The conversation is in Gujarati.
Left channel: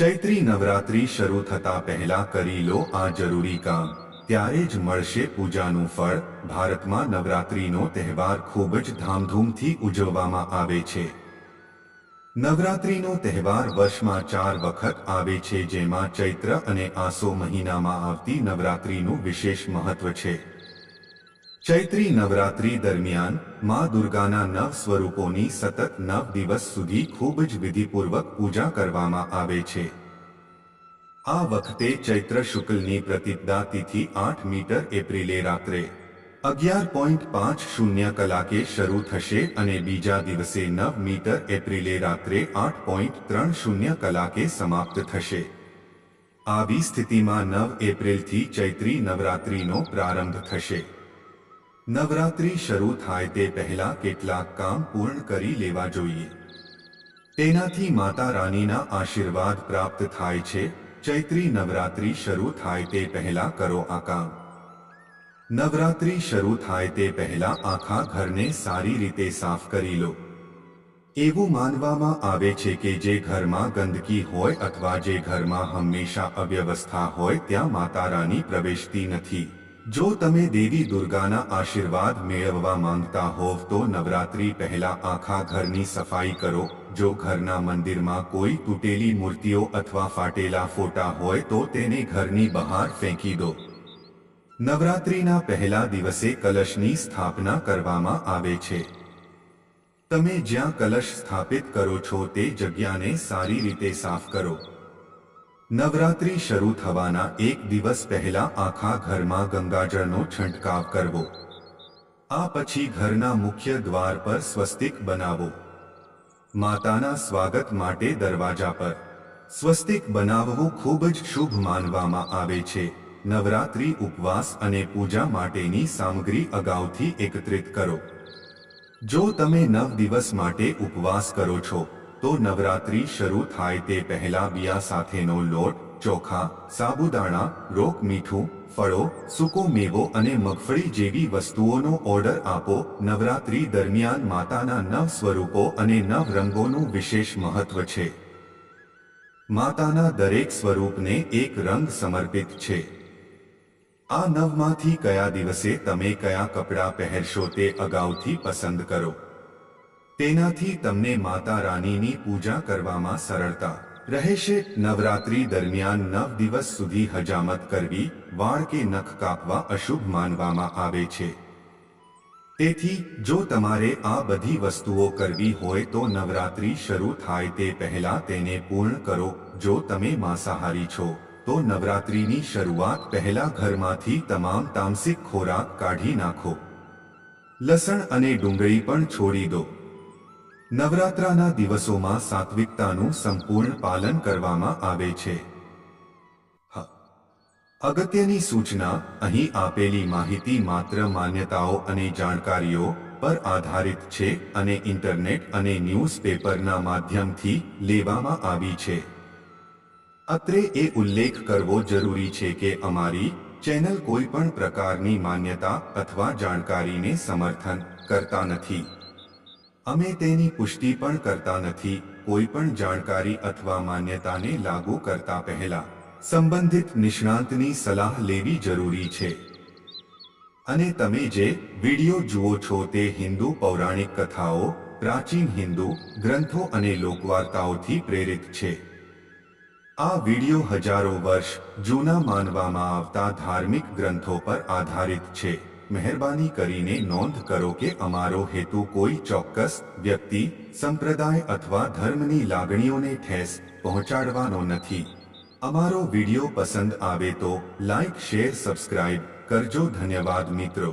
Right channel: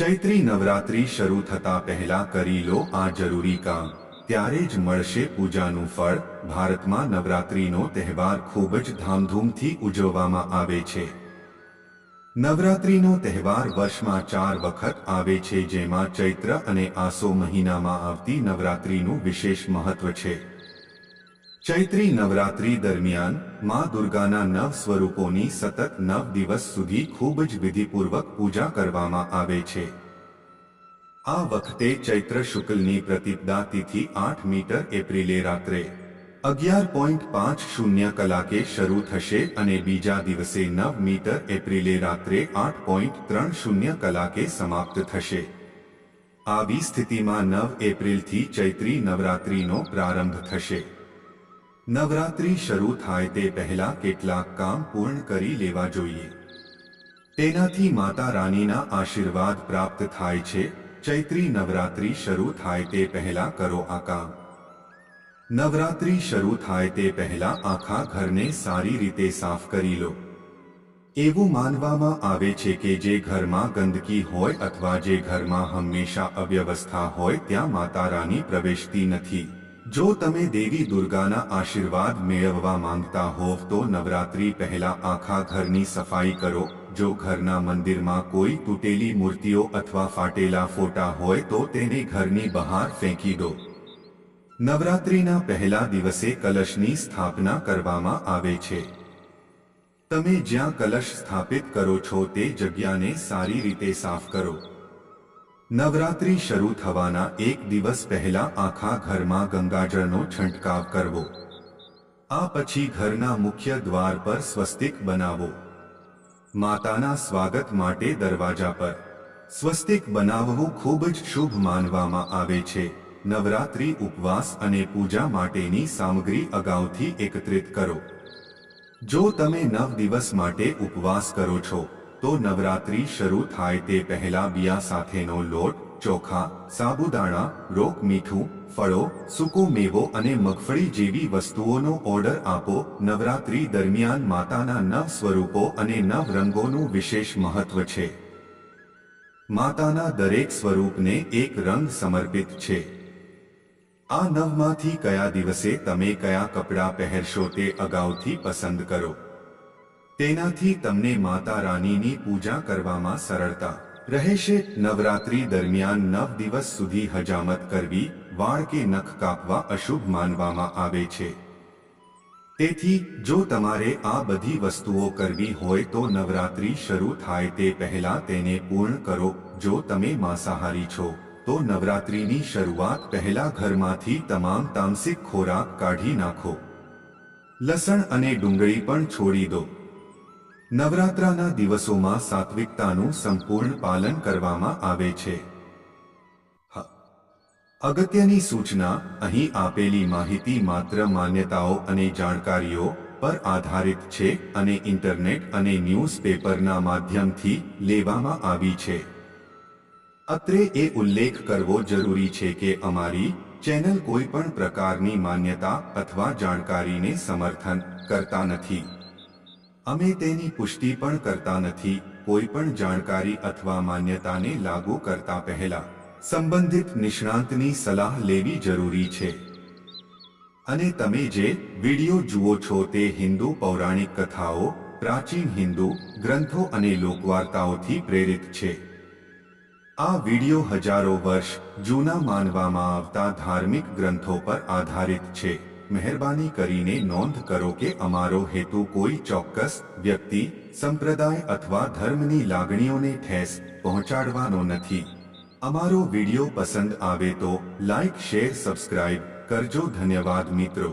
ચૈત્રી નવરાત્રિ શરૂ થતા પહેલા કરી લો આ જરૂરી કામ, ત્યારે જ મળશે પૂજાનું ફળ। ભારતમાં નવરાત્રિનો તહેવાર ખૂબ જ ધામધૂમથી ઉજવવામાં આવે છે। નવરાત્રિનો તહેવાર વર્ષમાં 4 વખત આવે છે, જેમાં ચૈત્ર અને આસો મહિનામાં આવતી નવરાત્રિનું વિશેષ મહત્વ છે। ચૈત્રી નવરાત્રિ દરમિયાન માં દુર્ગાના 9 સ્વરૂપોની સતત 9 દિવસ સુધી ખૂબ જ વિધિપૂર્વક પૂજા કરવામાં આવે છે। આ વખતે ચૈત્ર શુક્લની પ્રતિપદા તિથિ 8 એપ્રિલે રાત્રે 11:50 કલાકે શરૂ થશે અને બીજા દિવસે 9 એપ્રિલે રાત્રે 8:30 કલાકે સમાપ્ત થશે। આવી સ્થિતિમાં 9 એપ્રિલથી ચૈત્રી નવરાત્રિનો પ્રારંભ થશે। નવરાત્રિ શરૂ થાય તે પહેલા કેટલાક કામ પૂર્ણ કરી લેવા જોઈએ, તેનાથી માતા રાનીના આશીર્વાદ પ્રાપ્ત થાય છે। ચૈત્રી નવરાત્રિ શરૂ થાય તે પહેલા કરો આ કામ। નવરાત્રિ શરૂ થાય તે પહેલા આખા ઘરને સારી રીતે સાફ કરી લો। એવું માનવામાં આવે છે કે જે ઘરમાં ગંદકી હોય અથવા જે ઘરમાં હંમેશા અવ્યવસ્થા હોય ત્યાં માતા રાની પ્રવેશતી નથી। જો તમે દેવી દુર્ગાના આશીર્વાદ મેળવવા માંગતા હોવ તો નવરાત્રિ પહેલા આખા ઘરની સફાઈ કરો। જો ઘરના મંદિરમાં કોઈ તૂટેલી મૂર્તિઓ અથવા ફાટેલા ફોટા હોય તો તેને ઘરની બહાર ફેંકી દો। નવરાત્રિના પહેલા દિવસે કલશની સ્થાપના કરવામાં આવે છે। તમે જ્યાં કલશ સ્થાપિત કરો છો તે જગ્યાને સારી રીતે સાફ કરો। નવરાત્રિ શરૂ થવાના 1 દિવસ પહેલા આખા ઘરમાં ગંગાજળનો છંટકાવ કરવો। આ પછી ઘરના મુખ્ય દ્વાર પર સ્વસ્તિક બનાવો। માતાના સ્વાગત માટે દરવાજા પર સ્વસ્તિક બનાવવું ખૂબ જ શુભ માનવામાં આવે છે। નવરાત્રિ ઉપવાસ અને પૂજા માટેની સામગ્રી અગાઉથી એકત્રિત કરો। જો તમે 9 દિવસ માટે ઉપવાસ કરો છો તો નવરાત્રિ શરૂ થાય તે પહેલા બિયા સાથેનો લોટ, ચોખા, સાબુદાણા, રોક મીઠું, ફળો, સૂકો મેવો અને મગફળી જેવી વસ્તુઓનો ઓર્ડર આપો। નવરાત્રિ દરમિયાન માતાના 9 સ્વરૂપો અને 9 રંગોનું વિશેષ મહત્વ છે। માતાના દરેક સ્વરૂપને એક રંગ સમર્પિત છે। આ 9માંથી કયા દિવસે તમે કયા કપડાં પહેરશો તે અગાઉથી પસંદ કરો। તેનાથી તમને માતા રાનીની પૂજા કરવામાં સરળતા રહેશે। નવરાત્રિ દરમિયાન 9 દિવસ સુધી હજામત કરવી, વાળ કે નખ કાપવા અશુભ માનવામાં આવે છે। તેથી જો તમારે આ બધી વસ્તુઓ કરવી હોય તો નવરાત્રિ શરૂ થાય તે પહેલા તેને પૂર્ણ કરો। જો તમે માંસાહારી છો તો નવરાત્રિની શરૂઆત પહેલા ઘરમાંથી તમામ તામસિક ખોરાક કાઢી નાખો। લસણ અને ડુંગળી પણ છોડી દો। નવરાત્રાના દિવસોમાં સાત્વિકતાનું સંપૂર્ણ પાલન કરવામાં આવે છે। અગત્યની સૂચના, અહીં આપેલી માહિતી માત્ર માન્યતાઓ અને જાણકારીઓ પર આધારિત છે અને ઇન્ટરનેટ અને ન્યૂઝપેપરના માધ્યમથી લેવામાં આવી છે। અત્રે એ ઉલ્લેખ કરવો જરૂરી છે કે અમારી ચેનલ કોઈ પણ પ્રકારની માન્યતા અથવા જાણકારીને સમર્થન કરતા નથી। અમે તેની પુષ્ટિ પણ કરતા નથી। કોઈ પણ જાણકારી અથવા માન્યતાને લાગુ કરતા પહેલા સંબંધિત નિષ્ણાંતની સલાહ લેવી જરૂરી છે। અને તમે જે વિડિયો જુઓ છો તે હિન્દુ પૌરાણિક કથાઓ, પ્રાચીન હિન્દુ ગ્રંથો અને લોકવાર્તાઓથી પ્રેરિત છે। આ વિડિયો હજારો વર્ષ જૂના માનવામાં આવતા ધાર્મિક ગ્રંથો પર આધારિત છે। મહેરબાની કરીને નોંધ કરો કે અમારો હેતુ કોઈ ચોક્કસ વ્યક્તિ, સંપ્રદાય અથવા ધર્મની લાગણીઓને ઠેસ પહોંચાડવાનો નથી। અમારો વિડિયો પસંદ આવે તો લાઇક, શેર, સબસ્ક્રાઇબ કરજો। ધન્યવાદ મિત્રો।